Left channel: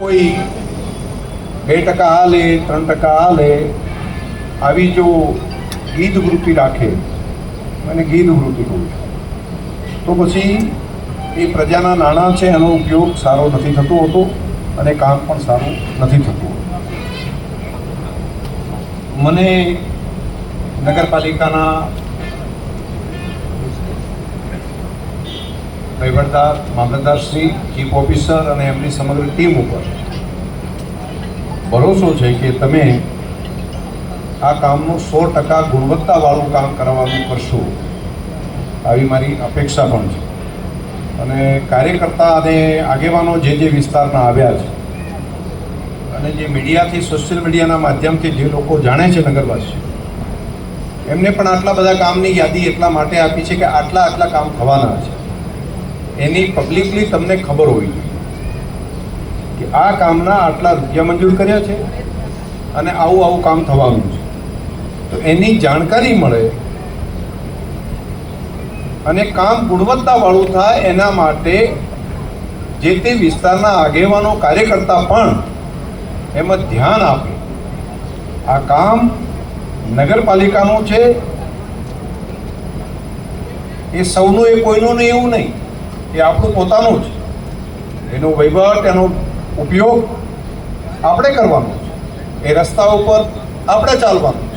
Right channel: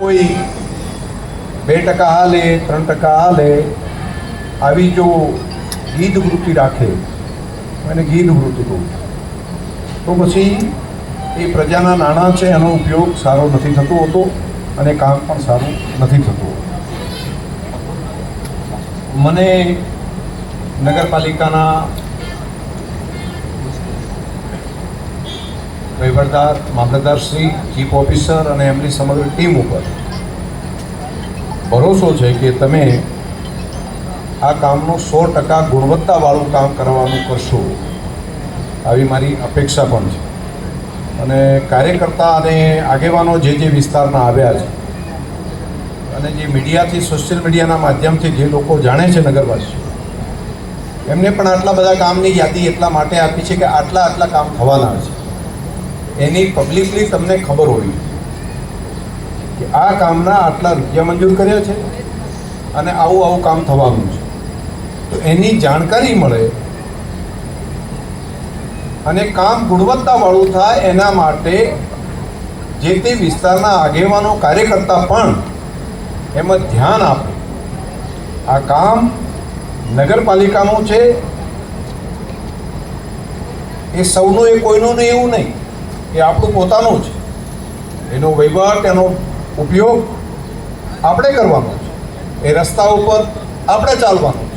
કોઈ બે ટકા આ લે ત્રણ ટકા આ લે આવી જો ગીધ વૃત્તિ રાખે, અને ગીધ વૃત્તિ કહું તો પછી એ પ્રજાના નાણાં છે, એનો ઉપયોગ સારો નથી થતો હોતો, અને કામ પણ સારું નથી થતું મને નગરપાલિકાના વહીવટદાર મામલતદારશ્રી ચીફ ઓફિસર અને એમની સમગ્ર ટીમ ઉપર ભરોસો છે કે તમે આ કામનું સો ટકા ગુણવત્તાવાળું કામ કરવાનું કરશો. આવી મારી અપેક્ષા પણ છે. અને કાર્યકર્તા અને આગેવાનો જે જે વિસ્તારમાં આવ્યા છે અને જે મીડિયાથી, સોશિયલ મીડિયાના માધ્યમથી જે લોકો જાણે છે નગરવાસીઓ, એમને પણ આટલા બધા કામની યાદી એટલા માટે આપી છે કે આટલા આટલા કામ થવાના છે. એની પબ્લિકલી તમને ખબર હોવી કે આ કામના આટલા રૂપિયા મંજૂર કર્યા છે અને આવું આવું કામ થવાનું છે. તો એની જાણકારી મળે અને કામ ગુણવત્તાવાળું થાય એના માટે જે તે વિસ્તારના આગેવાનો, કાર્યકર્તા પણ એમાં ધ્યાન આપે. આ કામ નગરપાલિકાનું છે. એ સૌનું એ કોઈનું નહીં એવું નહીં. એ આપણું પોતાનું છે એનો વહીવટ એનો ઉપયોગ આપણે કરવાનો છે. એ રસ્તા ઉપર આપણે ચાલવાનું